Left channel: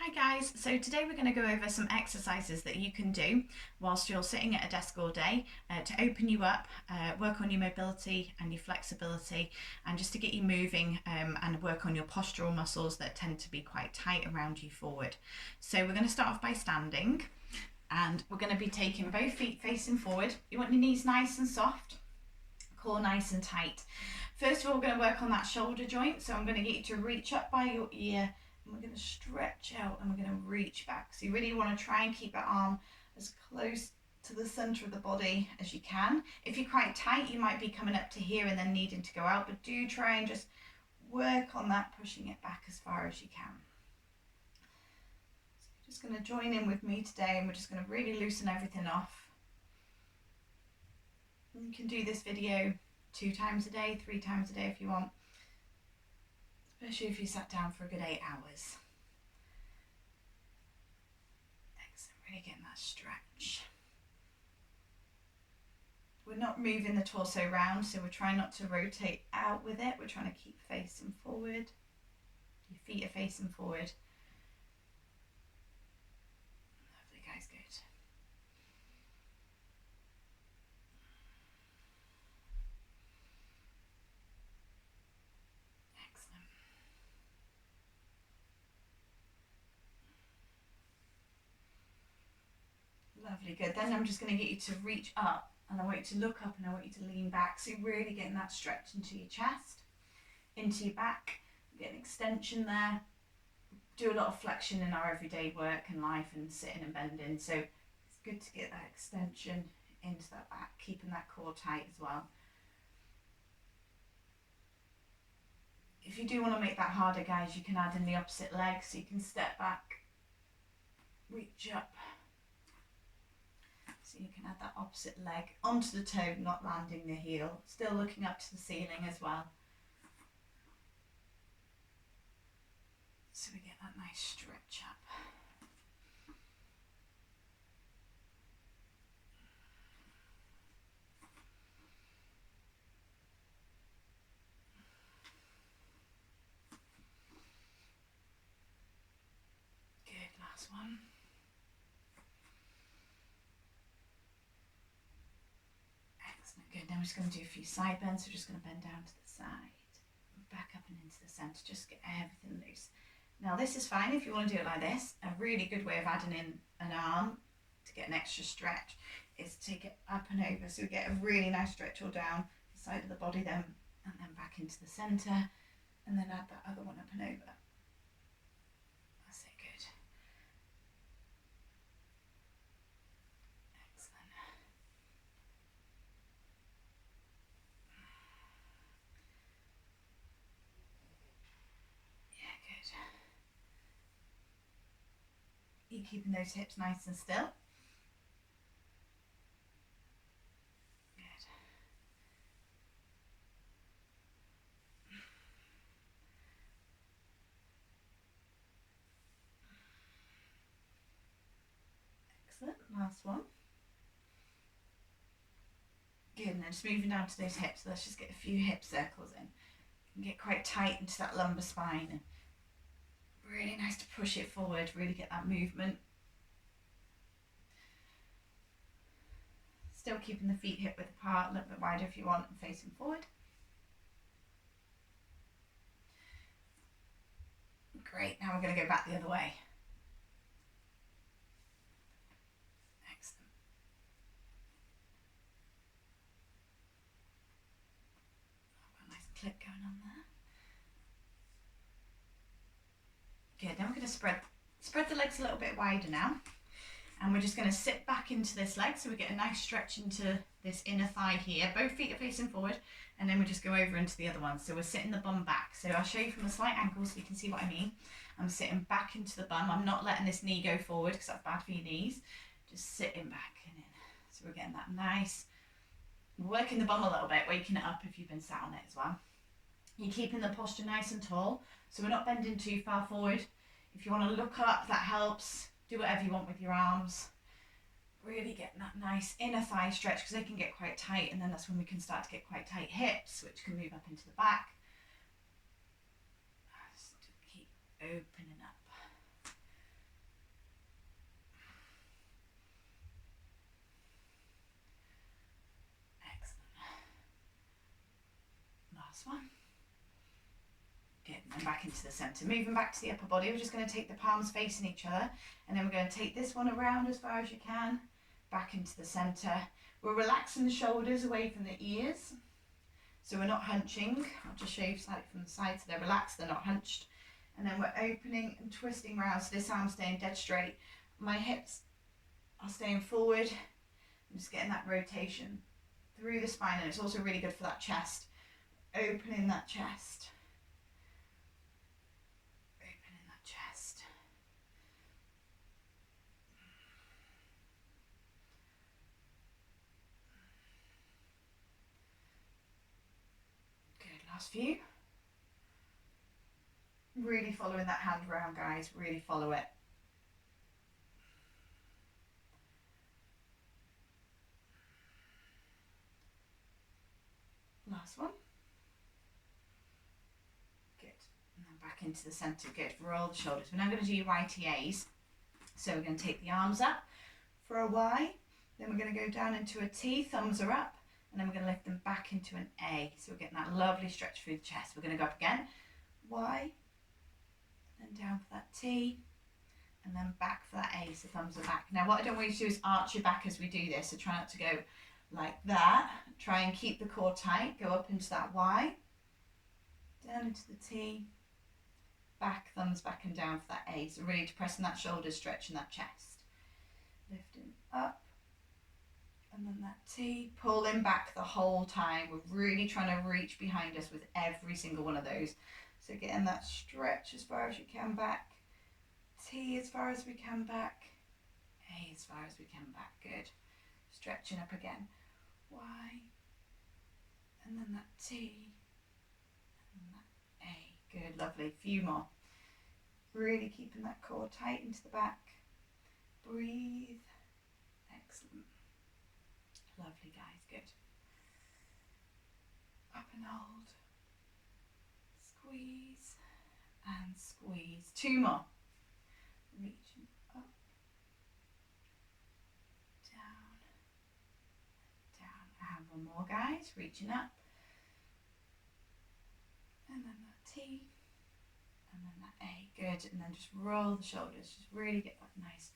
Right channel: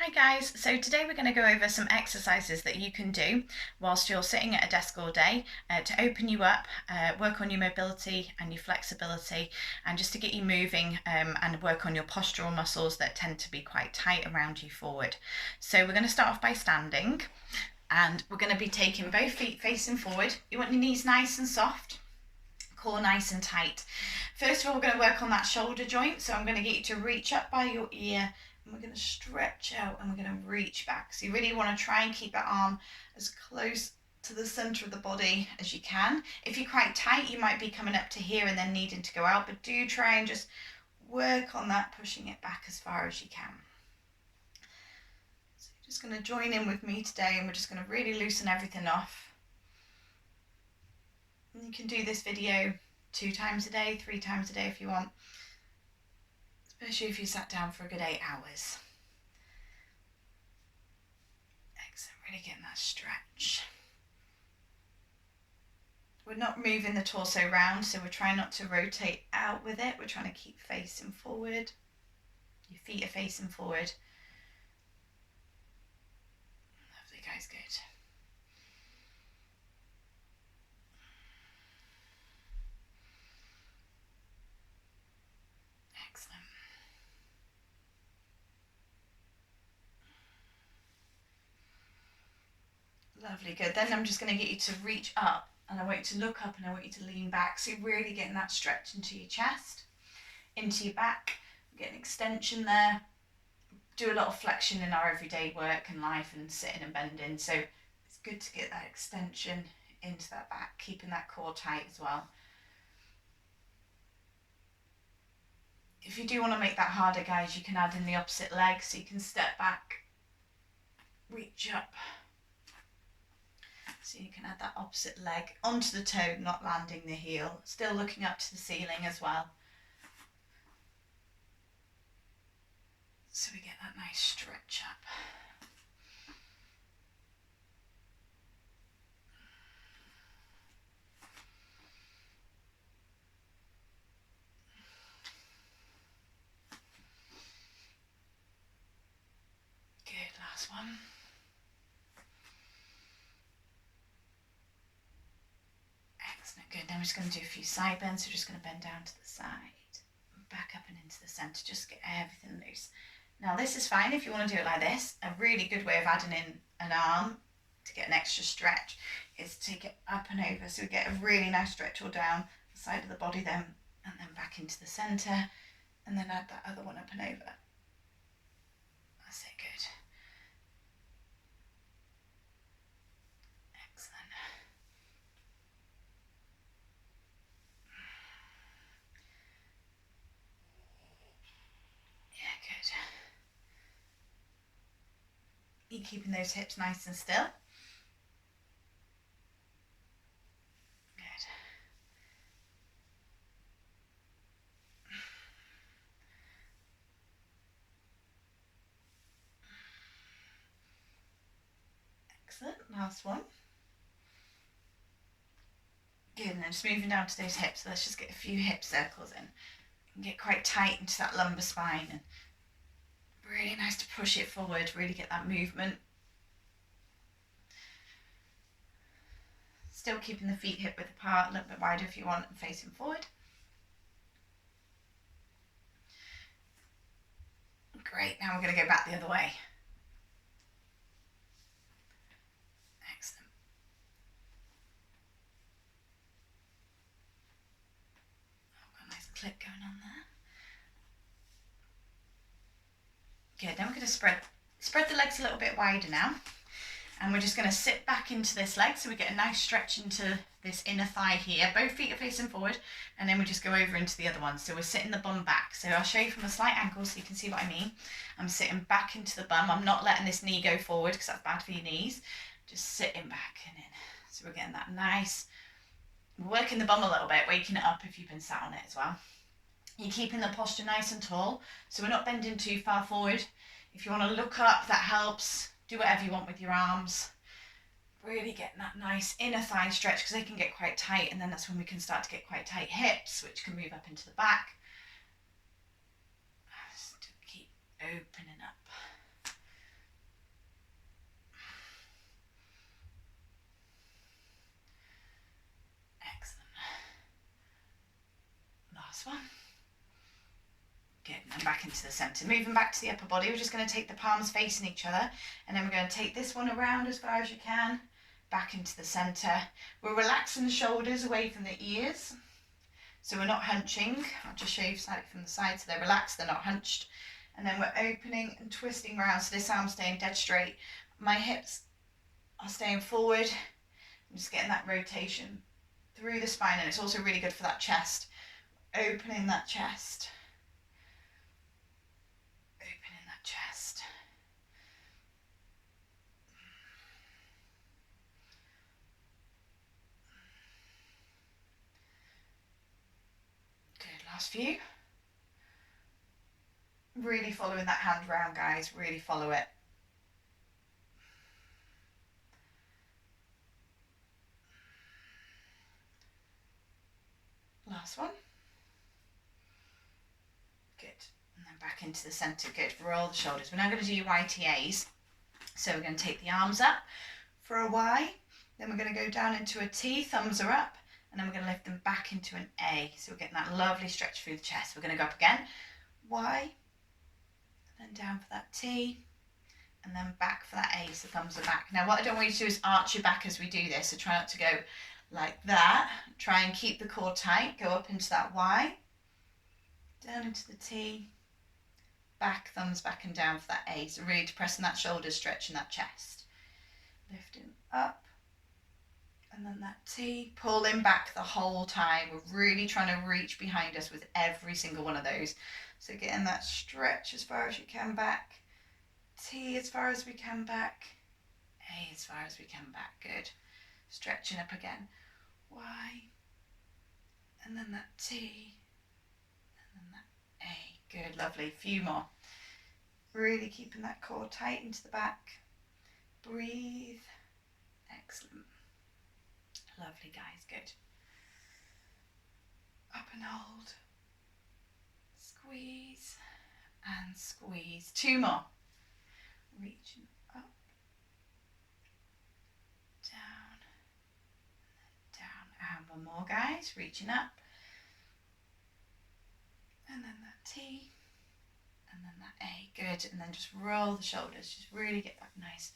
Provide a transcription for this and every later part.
Hi guys, so today we're going to go over some exercises that you can do whilst you're sitting at a desk all day to open you up, work on your mobility and your flexibility, and just to get you moving and work on your postural muscles that tend to be quite tight around you forward. So we're going to start off by standing, and we're going to be taking both feet facing forward. You want your knees nice and soft, core nice and tight. First of all, we're going to work on that shoulder joint, so I'm going to get you to reach up by your ear, and we're going to stretch out and we're going to reach back. So you really want to try and keep that arm as close to the center of the body as you can. If you're quite tight, you might be coming up to here and then needing to go out, but do try and just work on that, pushing it back as far as you can. So you're just going to join in with me today, and we're just going to really loosen everything off. And you can do this video 2 times a day, 3 times a day if you want, especially if you sat down for a good 8 hours. Excellent, really getting that stretch. We're not moving the torso round, so we're trying not to rotate out with it. We're trying to keep facing forward. Your feet are facing forward. Lovely, guys, good. Excellent. Lovely, good. Then I'm just going to get you to reach up, and I want you to look up and I want you to lean back. So you're really getting that stretch into your chest, into your back, get an extension there. Do a lot of flexion in our everyday work and life and sitting and bending. So it's good to get that extension into that back, keeping that core tight as well. If you do want to make that harder, guys, you can add in the opposite leg. So you can step back, reach up. So you can add that opposite leg onto the toe, not landing the heel, still looking up to the ceiling as well. So we get that nice stretch up. Good, last one. Excellent, good. Now we're just going to do a few side bends. So we're just going to bend down to the side, back up and into the centre, just get everything loose. Now this is fine if you want to do it like this. A really good way of adding in an arm to get an extra stretch is to take it up and over, so we get a really nice stretch all down the side of the body then, and then back into the centre, and then add that other one up and over. That's it, good. Excellent. Yeah, good. You're keeping those hips nice and still. Good. Excellent, last one. Good, and then just moving down to those hips. So let's just get a few hip circles in. You can get quite tight into that lumbar spine, and really nice to push it forward, really get that movement. Still keeping the feet hip width apart, a little bit wider if you want, and facing forward. Great, now we're going to go back the other way. Excellent. I've got a nice click going on there. Good, then we're going to spread the legs a little bit wider now. And we're just going to sit back into this leg, so we get a nice stretch into this inner thigh here. Both feet are facing forward, and then we just go over into the other one. So we're sitting the bum back. So I'll show you from a slight angle so you can see what I mean. I'm sitting back into the bum. I'm not letting this knee go forward because that's bad for your knees. Just sitting back and in. So we're getting that nice, working the bum a little bit, waking it up if you've been sat on it as well. You're keeping the posture nice and tall, so we're not bending too far forward. If you want to look up, that helps. Do whatever you want with your arms. Really getting that nice inner thigh stretch because they can get quite tight, and then that's when we can start to get quite tight hips, which can move up into the back. Just to keep opening up. come back into the center. Moving back to the upper body, we're just going to take the palms facing each other, and then we're going to take this one around as far as you can, back into the center. We're relaxing the shoulders away from the ears, so we're not hunching. I'll just show you slightly from the side, so they're relaxed, they're not hunched. And then we're opening and twisting around, so this arm's staying dead straight. My hips are staying forward. I'm just getting that rotation through the spine, and it's also really good for that chest. Opening that chest. Opening that chest. Good, last few. Really following that hand round, guys, really follow it. Last one. Good. And then back into the centre. Good. Roll the shoulders. We're now going to do YTAs. So we're going to take the arms up for a Y. Then we're going to go down into a T. Thumbs are up. And then we're going to lift them back into an A. So we're getting that lovely stretch through the chest. We're going to go up again. Y. And then down for that T. And then back for that A. So thumbs are back. Now what I don't want you to do is arch your back as we do this. So try not to go like that. Try and keep the core tight. Go up into that Y, down into the T, back, thumbs back and down for that A. So really depressing that shoulder, stretching that chest. Lifting up, and then that T, pulling back the whole time. We're really trying to reach behind us with every single one of those. So getting that stretch as far as you can back, T as far as we can back, A as far as we can back. Good. Stretching up again. Y, and then that T, and then that A. Good, lovely. A few more. Really keeping that core tight into the back. Breathe. Excellent. Lovely, guys. Good. Up and hold. Squeeze and squeeze. Two more. Reaching up, down, down, and one more, guys. Reaching up, and then that T, and then that A. Good. And then just roll the shoulders. Just really get that nice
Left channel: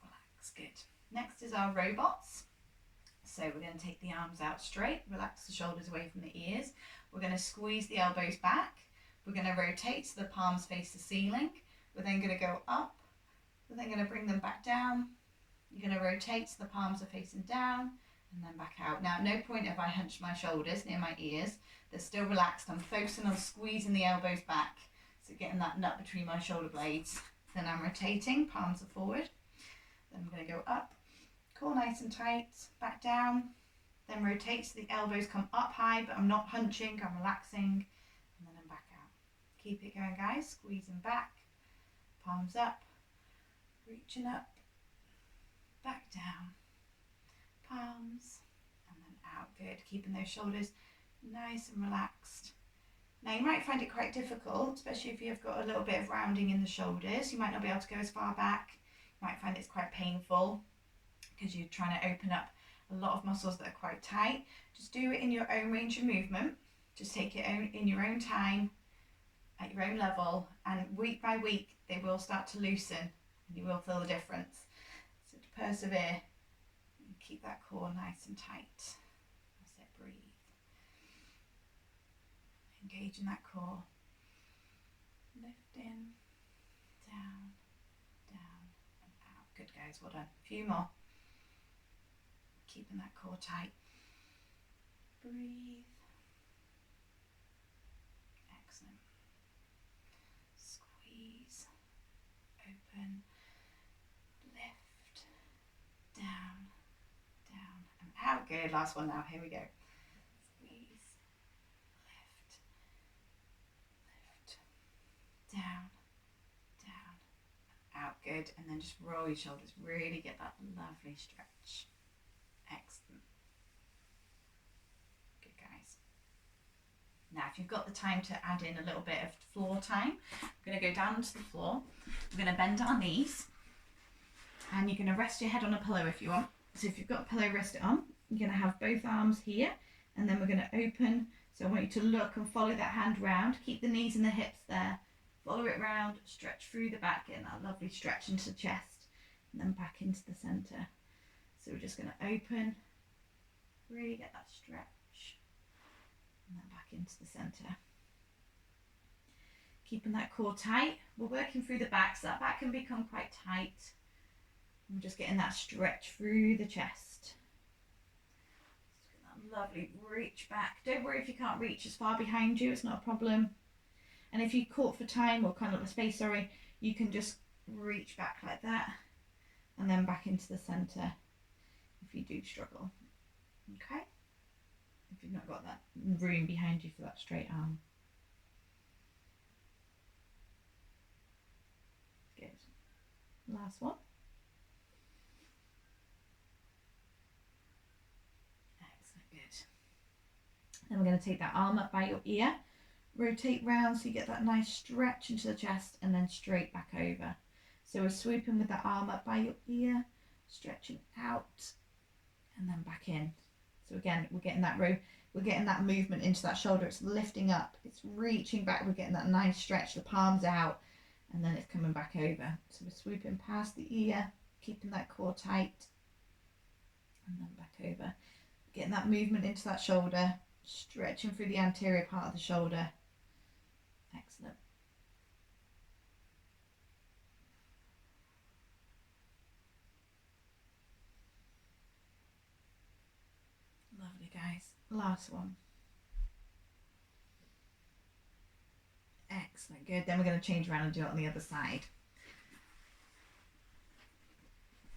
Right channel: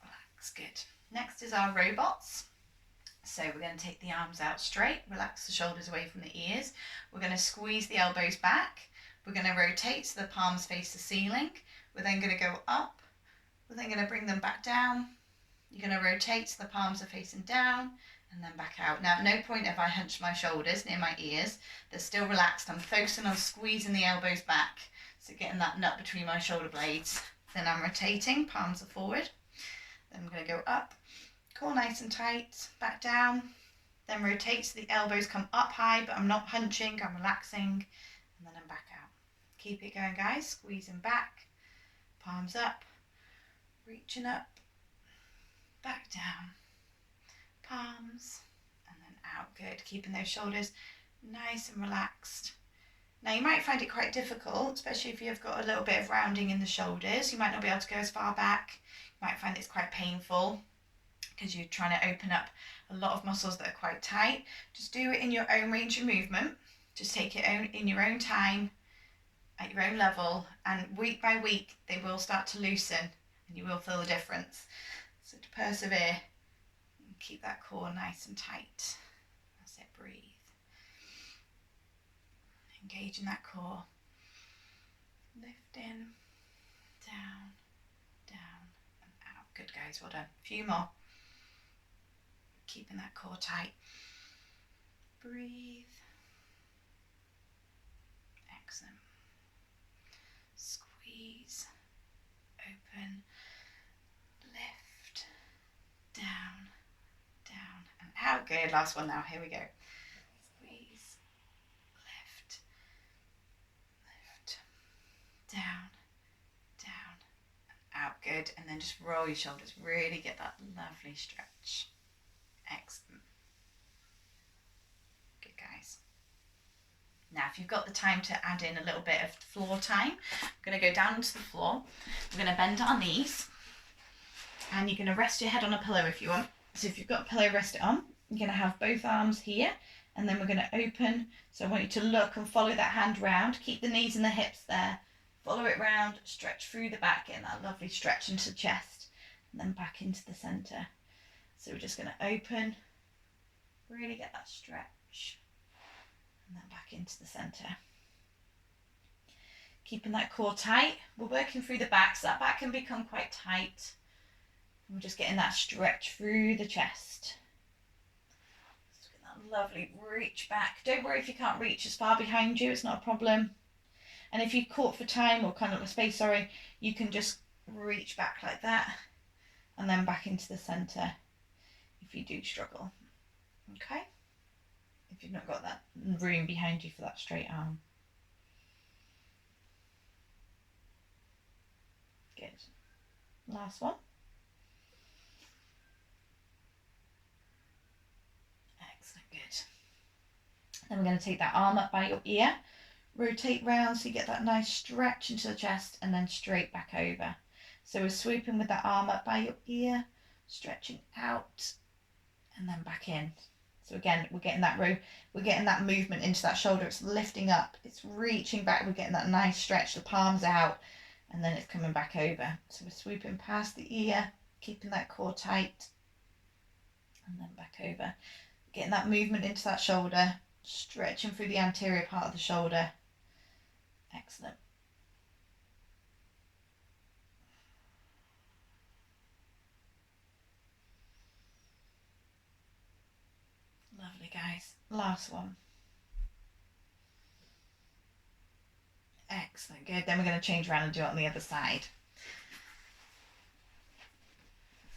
relax. Good. Next is our robots. So we're going to take the arms out straight, relax the shoulders away from the ears. We're going to squeeze the elbows back. We're going to rotate so the palms face the ceiling. We're then going to go up. We're then going to bring them back down. You're going to rotate so the palms are facing down and then back out. Now, at no point have I hunched my shoulders near my ears. They're still relaxed. I'm focusing on squeezing the elbows back. So getting that nut between my shoulder blades. Then I'm rotating, palms are forward. Then I'm going to go up. Core nice and tight, back down, then rotate so the elbows come up high, but I'm not hunching, I'm relaxing, and then I'm back out. Keep it going, guys, squeezing back, palms up, reaching up, back down, palms, and then out. Good, keeping those shoulders nice and relaxed. Now you might find it quite difficult, especially if you've got a little bit of rounding in the shoulders. You might not be able to go as far back. You might find it's quite painful, because you're trying to open up a lot of muscles that are quite tight. Just do it in your own range of movement. Just take it in your own time, at your own level, and week by week they will start to loosen and you will feel the difference. So to persevere and keep that core nice and tight. That's it, breathe. Engage in that core. Lifting, down, down and out. Good, guys, well done. A few more. Keeping that core tight. Breathe. Excellent. Squeeze. Open. Lift. Down. Down and out. Good. Last one now. Here we go. Squeeze. Lift. Lift. Down. Down and out. Good. And then just roll your shoulders. Really get that lovely stretch. Excellent. Good, guys. Now, if you've got the time to add in a little bit of floor time, I'm going to go down to the floor. We're going to bend our knees, and you're going to rest your head on a pillow if you want. So if you've got a pillow, rest it on. You're going to have both arms here, and then we're going to open. So I want you to look and follow that hand round. Keep the knees and the hips there. Follow it round, stretch through the back, getting that lovely stretch into the chest, and then back into the centre. So we're just going to open, really get that stretch, and then back into the centre. Keeping that core tight. We're working through the back, so that back can become quite tight. And we're just getting that stretch through the chest. Just get that lovely reach back. Don't worry if you can't reach as far behind you, it's not a problem. And if you're caught for time or kind of a space, sorry, you can just reach back like that and then back into the centre if you do struggle. Okay? If you've not got that room behind you for that straight arm. Good. Last one. Excellent, good. Then we're going to take that arm up by your ear, rotate round so you get that nice stretch into the chest, and then straight back over. So we're swooping with that arm up by your ear, stretching out, and then back in. So again, we're getting that movement into that shoulder. It's lifting up, it's reaching back. We're getting that nice stretch. The palms out, and then it's coming back over. So we're swooping past the ear, keeping that core tight, and then back over. Getting that movement into that shoulder, stretching through the anterior part of the shoulder. Excellent. Lovely, guys. Last one. Excellent, good. Then we're going to change around and do it on the other side.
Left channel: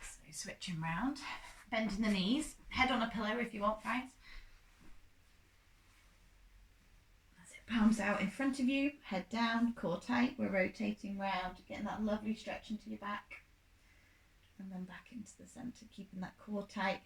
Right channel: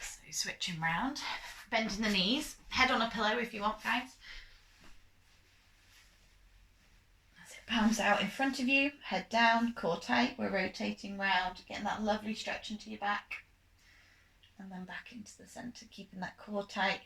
So switching round, bending the knees, head on a pillow if you want, guys. That's it, palms out in front of you, head down, core tight. We're rotating round, getting that lovely stretch into your back. And then back into the centre, keeping that core tight.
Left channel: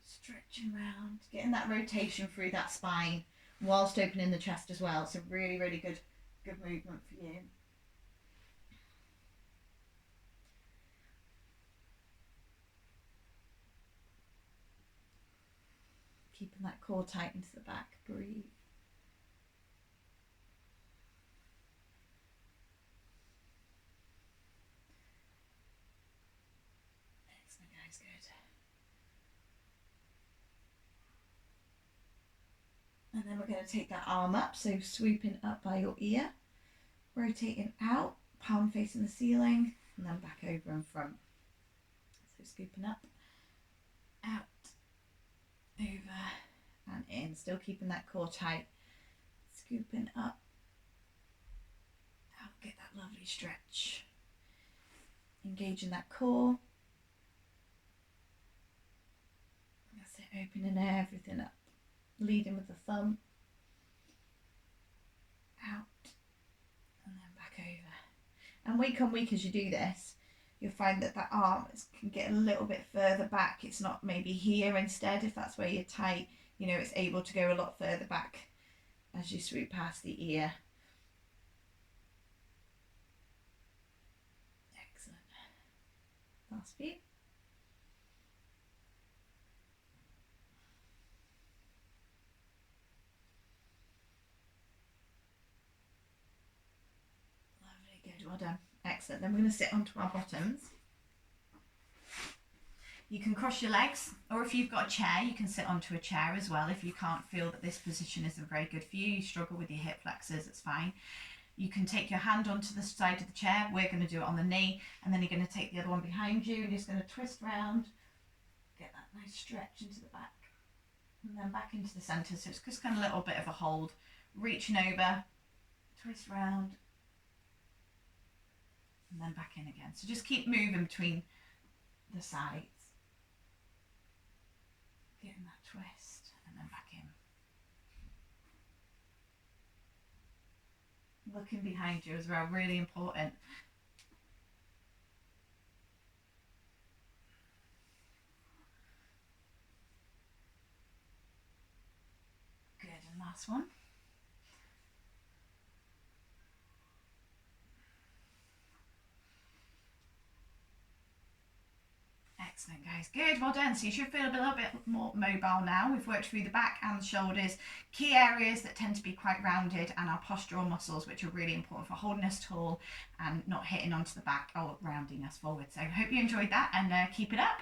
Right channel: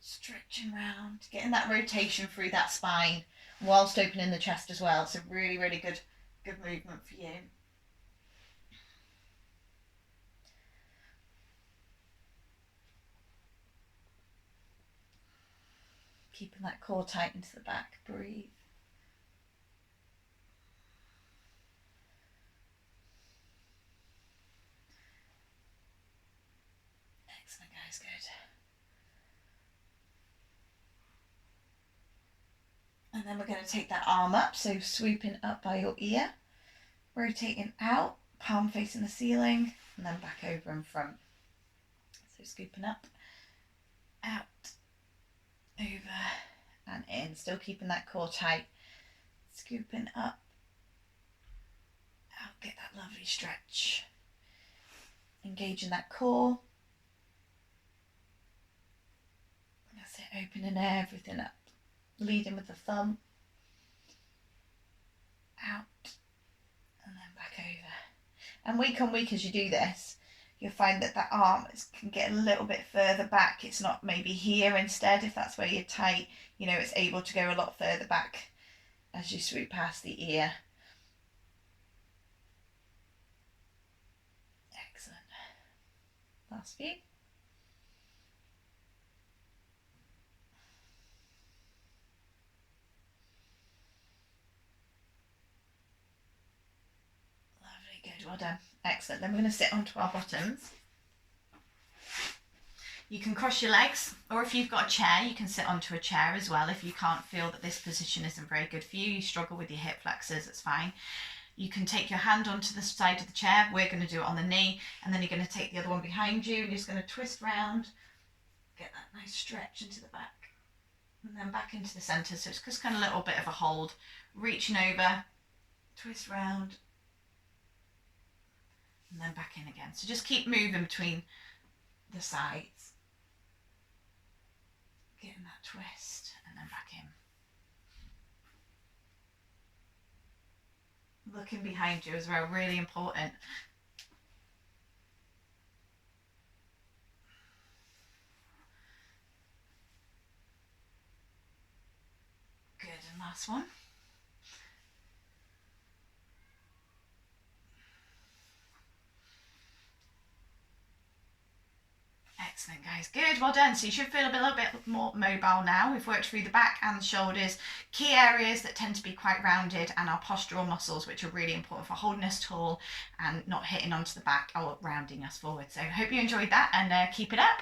Stretching round, getting that rotation through that spine whilst opening the chest as well. So really, really good movement for you. Keeping that core tight into the back. Breathe. Excellent, guys, good. And then we're going to take that arm up, so swooping up by your ear, rotating out, palm facing the ceiling, and then back over and front. So scooping up, out, over and in, still keeping that core tight. Scooping up, out, get that lovely stretch. Engaging that core. That's it, opening everything up. Leading with the thumb, out, and then back over. And week on week as you do this, you'll find that that arm can get a little bit further back. It's not maybe here instead, if that's where you're tight, you know, it's able to go a lot further back as you swoop past the ear. Excellent. Last few. Well done. Excellent. Then we're going to sit onto our bottoms. You can cross your legs, or if you've got a chair, you can sit onto a chair as well. If you can't feel that this position isn't very good for you, you struggle with your hip flexors, it's fine. You can take your hand onto the side of the chair. We're going to do it on the knee, and then you're going to take the other one behind you, and you're just going to twist round, get that nice stretch into the back, and then back into the centre. So it's just kind of a little bit of a hold, reaching over, twist round, and then back in again. So just keep moving between the sides, getting that twist, and then back in. Looking behind you as well, really important. Good, and last one. Excellent, guys. Good, well done. So you should feel a little bit more mobile now. We've worked through the back and the shoulders, key areas that tend to be quite rounded, and our postural muscles, which are really important for holding us tall and not hitting onto the back or rounding us forward. So I hope you enjoyed that, and keep it up.